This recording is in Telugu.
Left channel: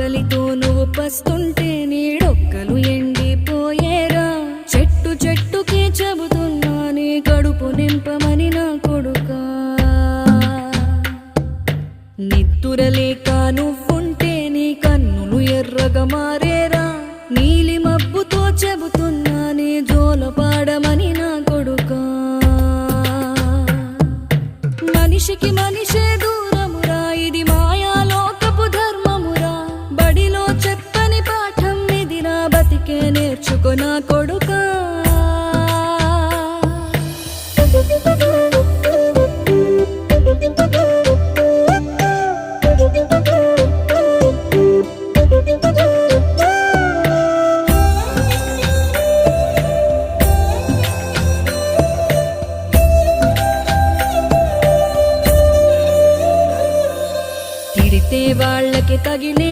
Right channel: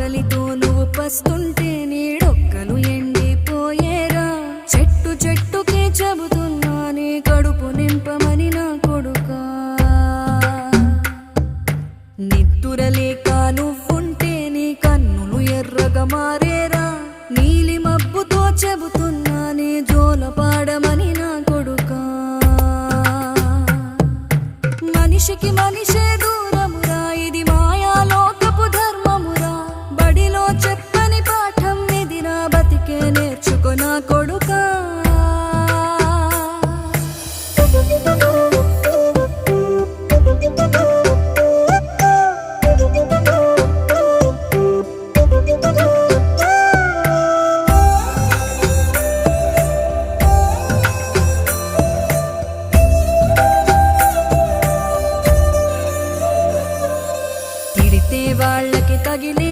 ఆకలితో నువ్వు పస్తుంటే నీడొక్కలు ఎండిపోయేరా. చెట్టు చెట్టుకే చెబుతున్నా నీ కడుపు నింపమని నా కొడుకా. నిద్దురలేక నువ్వుంటే నీ కన్నులు ఎర్రగా మారేరా. నీలి మబ్బుతో చెబుతున్నా నీ జోలపాడమని నా కొడుకా. మనిషికి మనిషే దూరమురా, ఇది మాయాలోకపు ధర్మమురా. బడిలో చెప్పని పాఠం ఇది, నా బతికే నేర్చుకో నా కొడుకా. తిడితే వాళ్ళకి తగిలే